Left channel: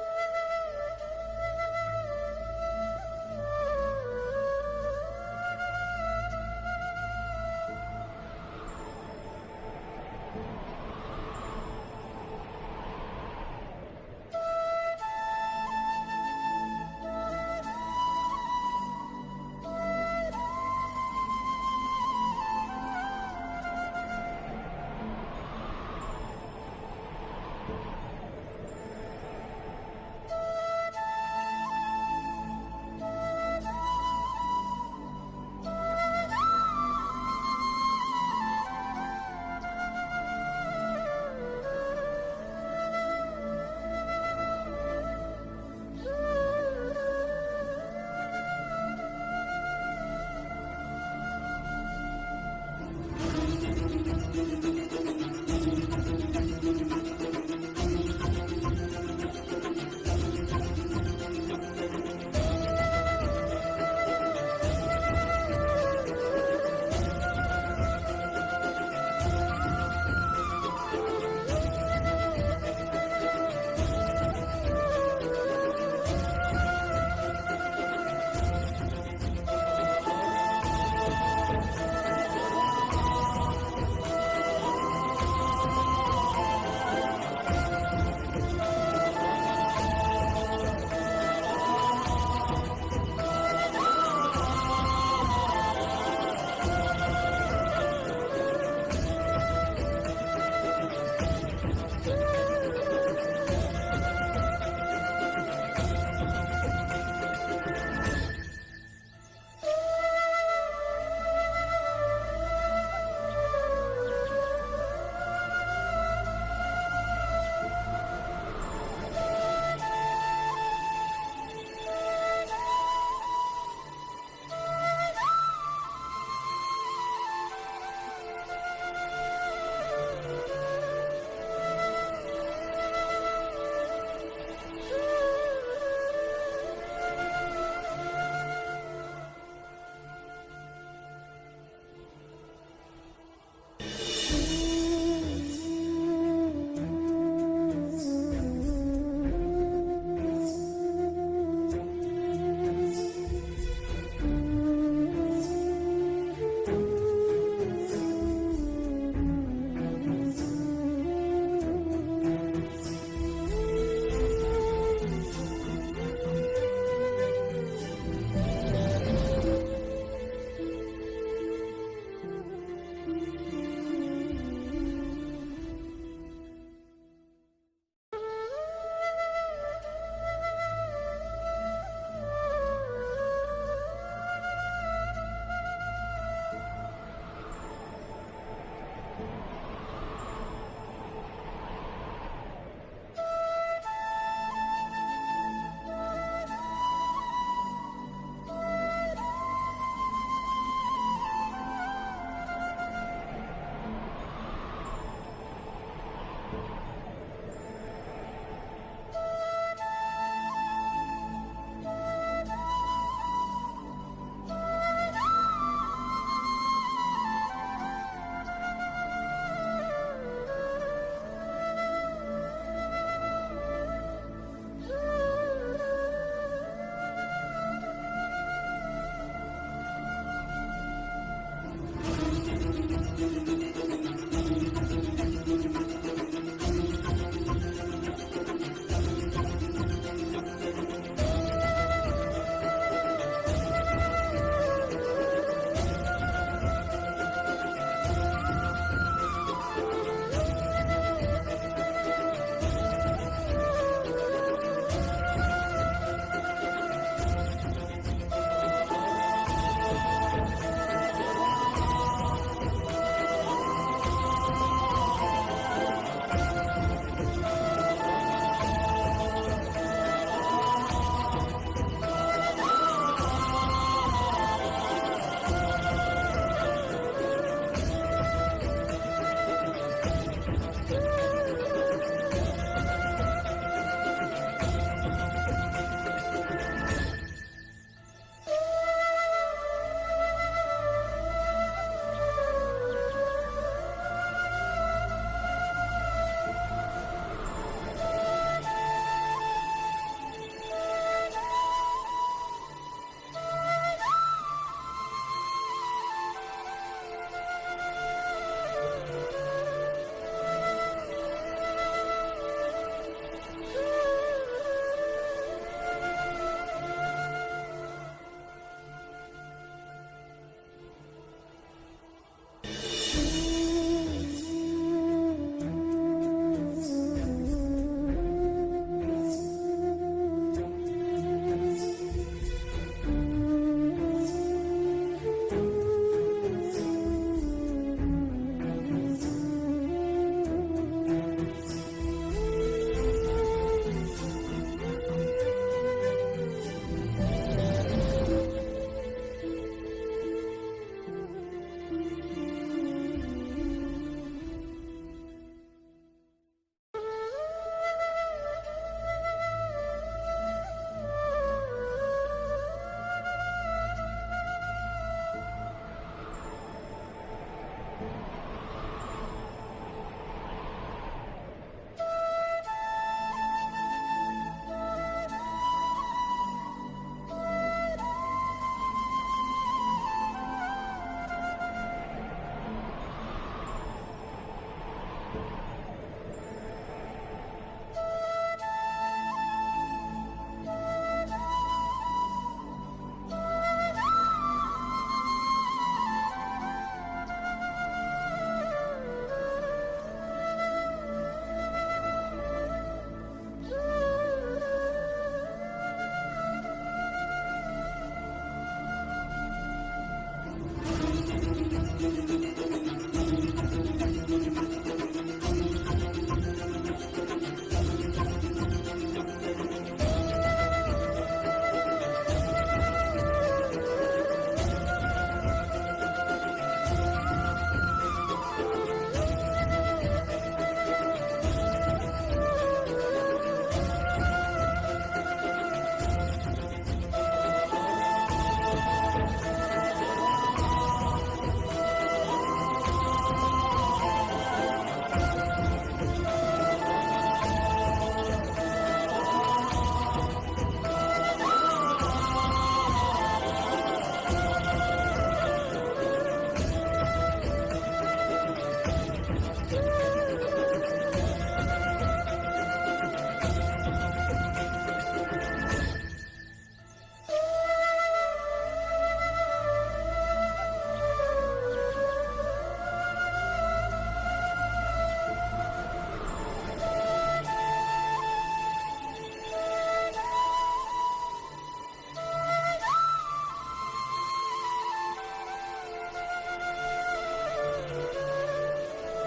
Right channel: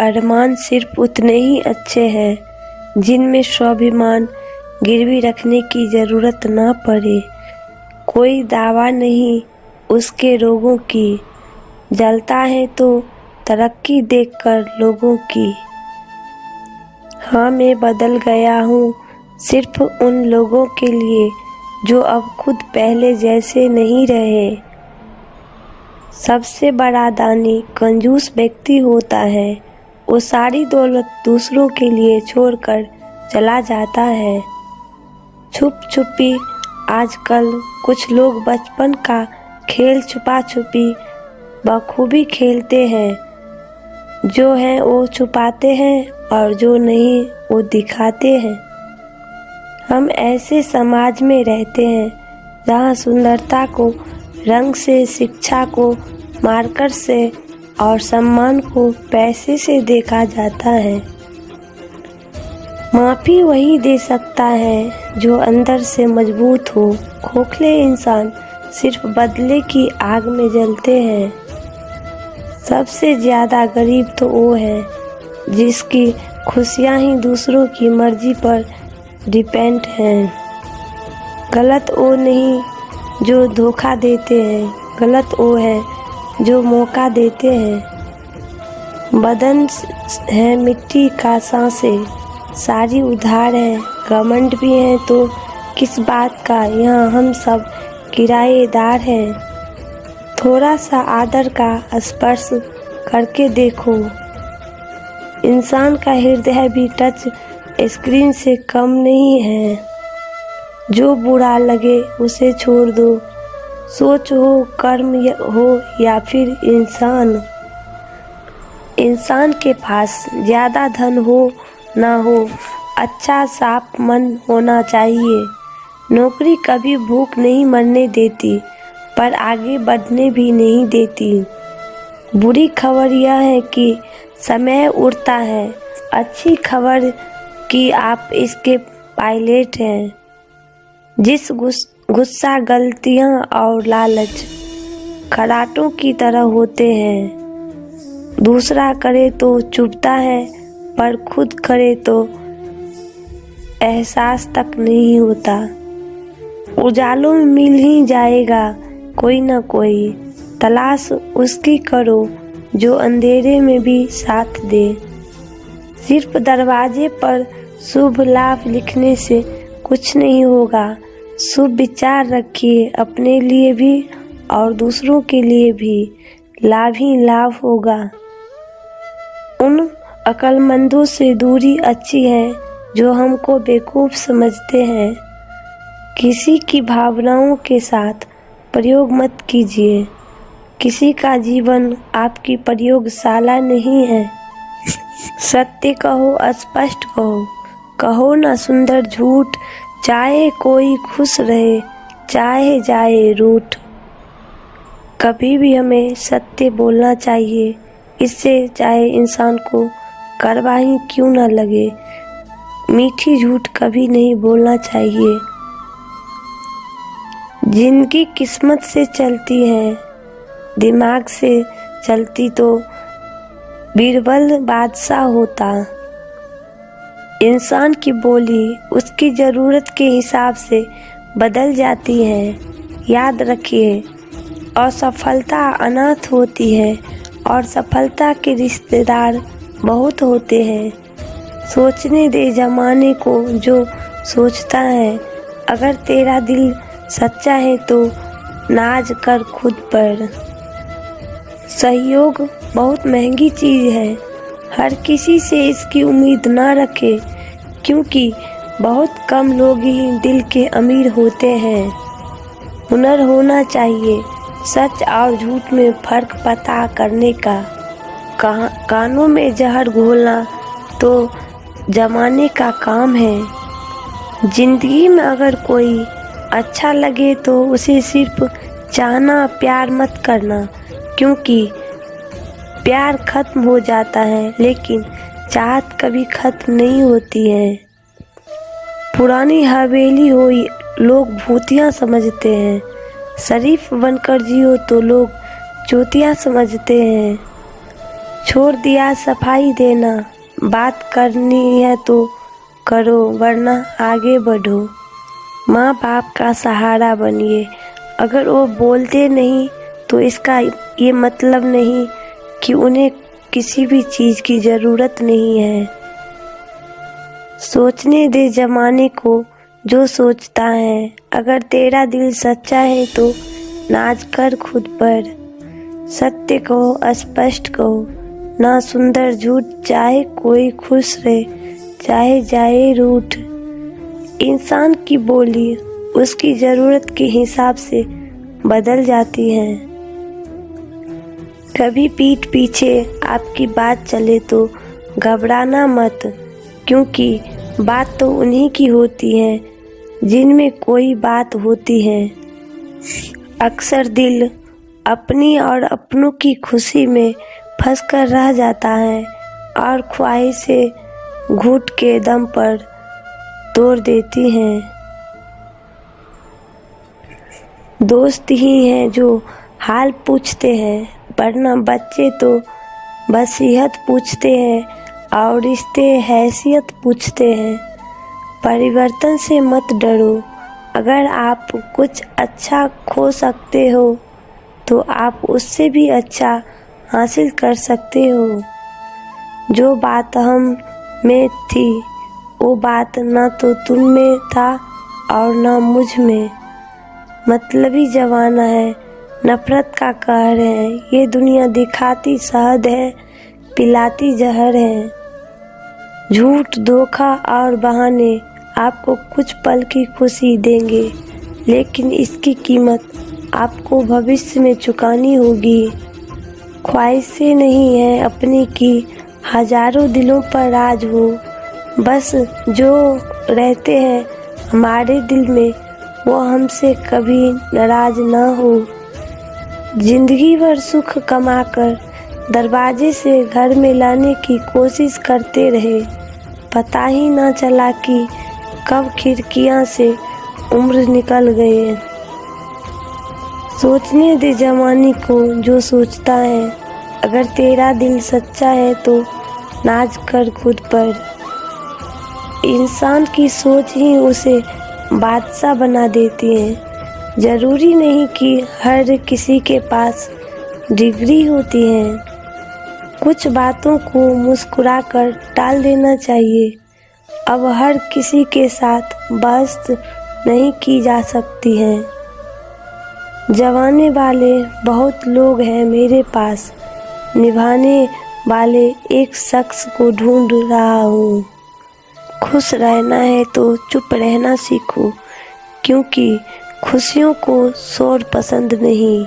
अरमान सिर्फ उतने ही अच्छे हैं जिनमें स्वाभिमान गिरवी रखने की ज़रूरत ना पड़े। कोई दावा नहीं उसके रोगों की, जलता है तो तरक्की देखकर लोगों की। हाँ, मैं बदल गया हूँ सिर्फ उन लोगों के लिए जो अब खुद पहले जैसे नहीं रहे। सबसे बड़ा दानी कंजूस व्यक्ति होता है, वो सारी दौलत दूसरों के लिए छोड़कर चला जाता है। छुप छुपी आजकल कुछ लोग बचपन का खेल छुपा छुपी बखूबी खेलते हैं। जो है वो छुपाते हैं और जो नहीं वो दिखाते हैं। हम ऐसे समाज में रहते हैं जहाँ सुंदरता को रंग से, शिक्षा को मार्कर से और सम्मान को पैसे से देखा जाता है। माफ़ी वही दे सकता है जो अंदर से मजबूत हो। खोखले इंसान सिर्फ बदले की आग में जलते हैं। सबसे ज़्यादा गरीब तो वो है जिसकी खुशियाँ ही दूसरों की मर्जी पर डिपेंड हैं। गलत वो नहीं जो धोखा देते हैं, गलत वो है जो मौका देते हैं। बदन है मिट्टी का सांसें, सारी उधार है। घमंड भी है तो किस बात का, यहाँ हम सब किराएदार हैं। थोड़ा सा आदर का स्पर्श करके देखो, इंसान का हृदय भी टच स्क्रीन से कम नहीं है। जो बुरा लगे उसे छोड़ दो, सोच हो, कर्म हो या फिर इंसान के पास ज़्यादा धन हो ना हो, अच्छा साफ मन होना चाहिए। नौकरी कभी भूख नहीं मरने देती पर आगे बढ़ने भी नहीं देती। बुरी खबर यह है कि समय उड़ता है, अच्छी खबर कि आप इसके पायलट हैं। जिस गुस्सा, गलतियां और लालच खराटों की तरह होते हैं। दूसरा करे तो चुभता है पर खुद करे तो एहसास तक नहीं होता। उजालों में मिल ही जाएगा कोई ना कोई, तलाश उसकी करो जो अंधेरे में भी साथ दे। सिर्फ दरवाजे पर शुभ लाभ लिखने से कुछ नहीं होगा। शुभ विचार रखिए, अपने लिए भी और दूसरों के लिए भी लाभ ही लाभ होगा। उन अक्लमंदों से दूरी अच्छी है जो हमको बेवकूफ़ समझते हैं। किसी की भावनाओं के साथ प्रयोग मत कीजिए। किसी का जीवन आपकी प्रयोगशाला नहीं है। सत्य कहो, स्पष्ट कहो, कहो ना सुंदर झूठ। चाहे कोई खुश रहे, चाहे जाए रूठ। कभी भी हमें सत्य बोलना चाहिए, इससे चाहे इंसान को कड़वा ही क्यों ना लगे। मीठी झूठ कभी नहीं बोलना चाहिए। जिंदगी किस्मत से चलती है, दिमाग से चलती तो बीरबल बादशाह होता। इंसान की बोली उसकी ज़रूरत के हिसाब से बदल जाती है। याद रखिए, असफलता अनाथ होती है और सफलता के रिश्तेदार बहुत होते हैं। सोचने दे ज़माने को जो सोचता है। अगर तेरा दिल सच्चा है तो नाज कर खुद पर। सहयोग बहुत महंगी चीज़ है, हर किसी से इसकी उम्मीद ना रखे, क्योंकि बहुत कम लोग ही दिल के अमीर होते हैं। हुनर होना चाहिए सच और झूठ में फ़र्क पता करने का। कानों में जहर घोलना तो जमाने का काम है। जिंदगी में अगर कोई अच्छा लगे तो उसे सिर्फ चाहना, प्यार मत करना, क्योंकि प्यार खत्म हो जाता है लेकिन चाहत कभी खत्म नहीं होती है। पुरानी हवेली हो लोग भूतिया समझते हैं, शरीफ बनकर जियो तो लोग चूतिया समझते हैं। छोड़ दिया सफाई देना, बात करनी है तो करो वरना आगे बढ़ो। माँ बाप का सहारा बनिए, अगर वो बोलते नहीं तो इसका ये मतलब नहीं कि उन्हें किसी भी चीज़ की ज़रूरत नहीं है। सोचने दे ज़माने को जो सोचता है, अगर तेरा दिल सच्चा है तो नाज कर खुद पर। सत्य कहो स्पष्ट कहो, ना सुंदर झूठ, चाहे कोई खुश रहे चाहे जाए रूठ। इंसान की बोली उसकी ज़रूरत के हिसाब से बदल जाती है। कभी पीठ पीछे आपकी बात चले तो घबराना मत, क्योंकि बात तो उन्हीं की होती है जिनमें कोई बात होती है। अक्सर दिल अपनी और अपनों की खुशी में फंस कर रह जाता है और ख्वाहिशें घुट के दम पर तोड़ देती हैं। दोस्त ही हैं जो हाल पूछते हैं, वरना बच्चे तो वसीयत पूछते हैं और रिश्ते हैसियत पूछते हैं। परिवर्तन से मत डरो, अगर आप कुछ अच्छा खो सकते हो तो आप उससे भी अच्छा हासिल कर सकते हो। जो बात हम में थी वो बात ना तो तुम में था और ना मुझ में। मतलबी जमाना है, नफरत का कहर है, ये दुनिया दिखाती शहद है, पिलाती जहर है। झूठ, धोखा और बहाने आपको कुछ पल की खुशी देंगे, लेकिन इसकी कीमत आपको भविष्य में चुकानी होगी। ख्वाहिशें नहीं है अपनी की, हजारों दिलों पर राज हो, बस जो रहते हैं हमारे दिल में वो हमसे कभी नाराज ना हो। जिंदगी भर सुख कमाकर दरवाजे से घर में लाने की कोशिश करते रहे, पता ही ना चला कि कब खिड़कियां से उम्र निकल गए। सोचने दे जमाने को जो सोचता है, अगर तेरा दिल सच्चा है तो नाज कर खुद पर। इंसान की सोच ही उसे बादशाह बना देती है। जरूरी नहीं कि हर किसी के पास डिग्री होती है। कुछ बातों को मुस्कुराकर टाल देना चाहिए। अब हर किसी के साथ बहस नहीं की जा सकती है। जवाने वाले बहुत लोग हैं मेरे पास, निभाने वाले एक शख्स को ढूंढ रहा हूँ। खुश रहना है तो चुप रहना सीखो, क्योंकि खुशियों को शोर पसंद नहीं।